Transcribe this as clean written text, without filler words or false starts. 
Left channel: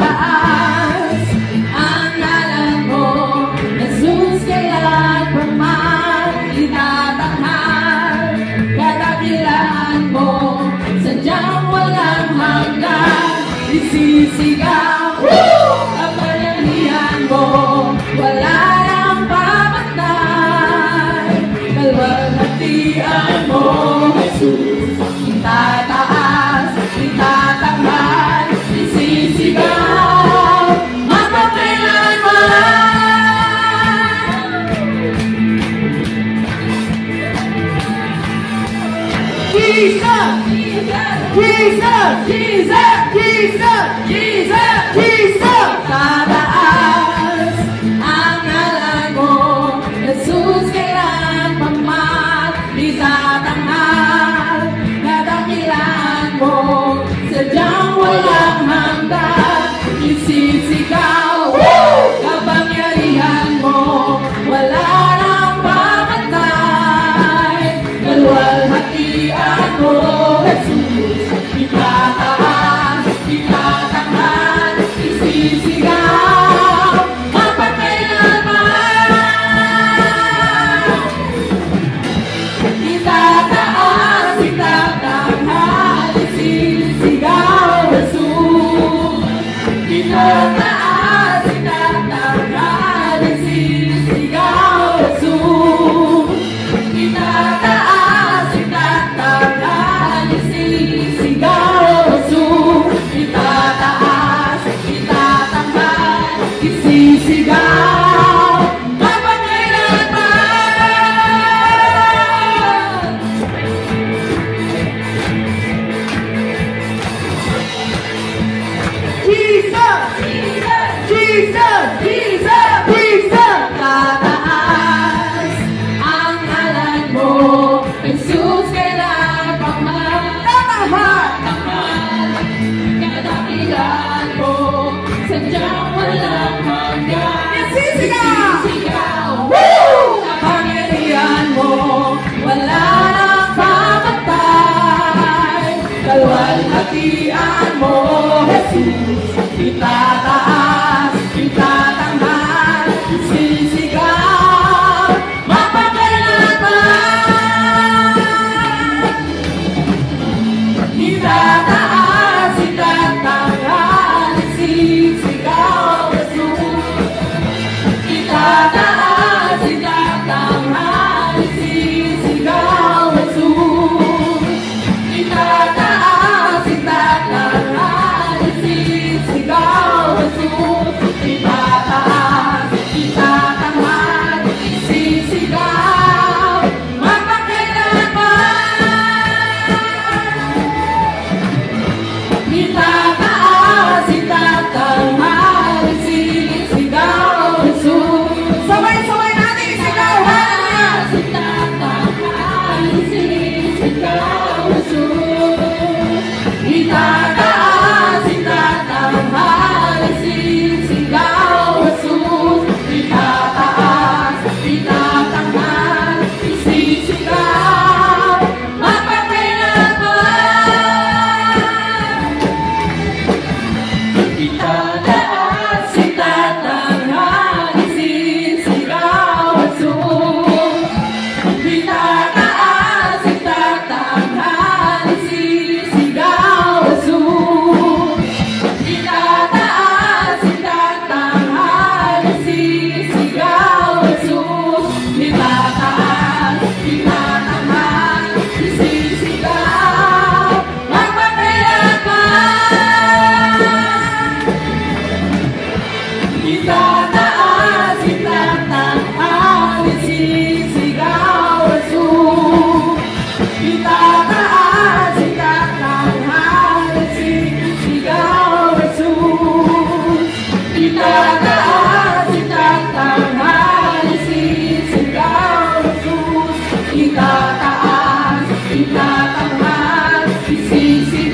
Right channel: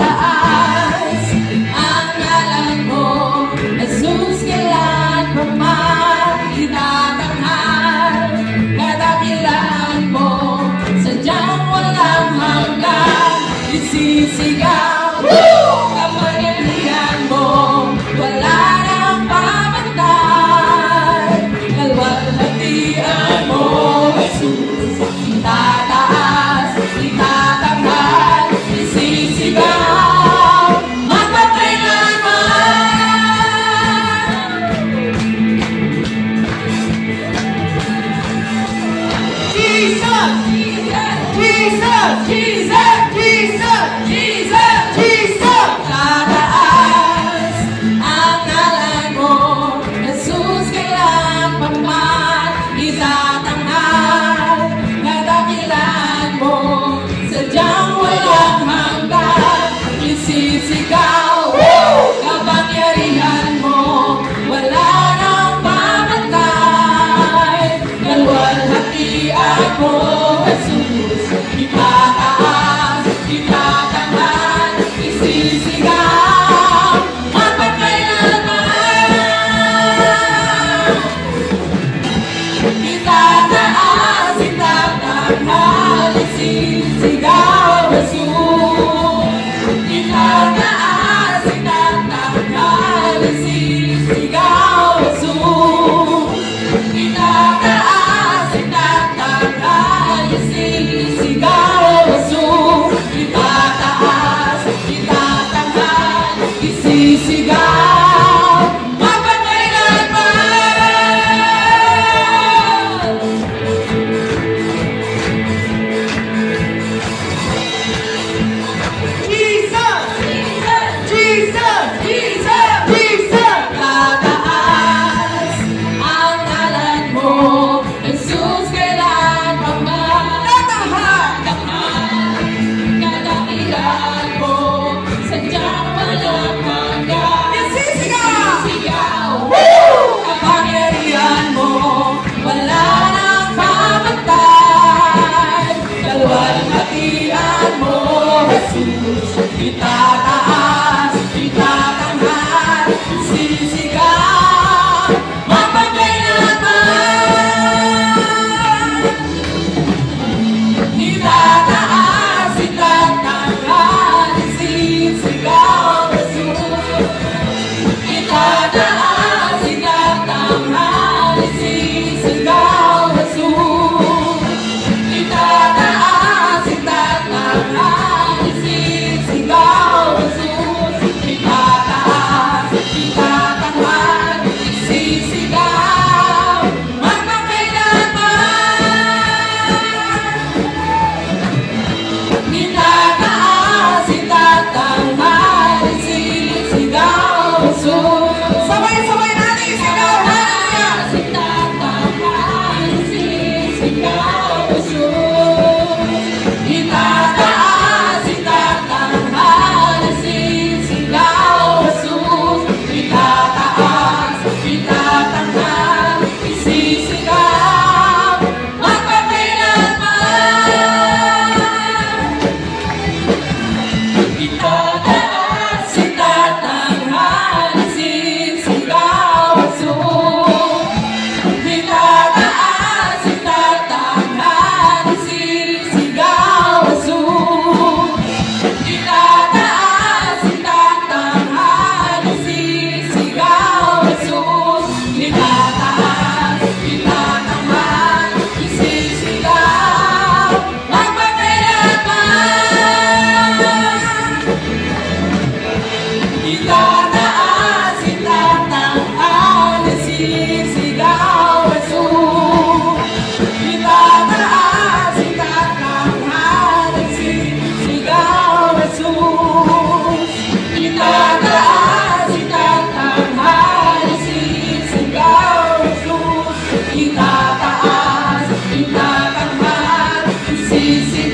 Tataas ang ngalan mo, Jesus, kailan pa man itatanghal. Kadakilaan mo, sadyang walang hanggan. Isisigaw kapangyarihan mo, wala nang pamantay. Kalwalhatian mo, Jesus, itataas, itatanghal, isisigaw magpakailanman. Jesus! Jesus! Jesus! Jesus! Jesus! Jesus! Tataas ang ngalan mo, Jesus, kailan pa man itatanghal. Kadakilaan mo, sadyang walang hanggan. Isisigaw kapangyarihan mo, wala nang pamantay. Kalwalhatian mo, Jesus, itataas, itatanghal, isisigaw magpakailanman. Itataas, itatanghal, isisigaw, Jesus. Itataas, itatanghal, isisigaw, Jesus. Itataas, itatanghal, isisigaw, Jesus. Itataas, itatanghal, isisigaw magpakailanman. Jesus! Jesus! Jesus! Jesus! Tataas ang ngalan mo, Jesus, kailan pa man itatanghal. Kadakilaan mo, sadyang walang hanggan. Isisigaw kapangyarihan mo, wala nang pamantay. Kalwalhatian mo, Jesus, itataas, itatanghal, isisigaw magpakailanman. Itataas, itatanghal, isisigaw, Jesus. Itataas, itatanghal, isisigaw, Jesus. Itataas, itatanghal, isisigaw, Jesus. Itataas, itatanghal, isisigaw magpakailanman. Itataas, itatanghal, isisigaw, Jesus. Sabay-sabay natin isigaw. Itataas, itatanghal, isisigaw, Jesus. Itataas, itatanghal, isisigaw, Jesus. Itataas, itatanghal, isisigaw magpakailanman. Itataas, itatanghal, isisigaw, Jesus. Itataas, itatanghal, isisigaw, Jesus. Itataas, itatanghal, isisigaw, Jesus. Itataas, itatanghal, isisigaw magpakailanman. Itataas, itatanghal, isisigaw, Jesus. Itataas, itatanghal, isisigaw, Jesus. Itataas, itatanghal, isisigaw, Jesus. Itataas, itatanghal, isisigaw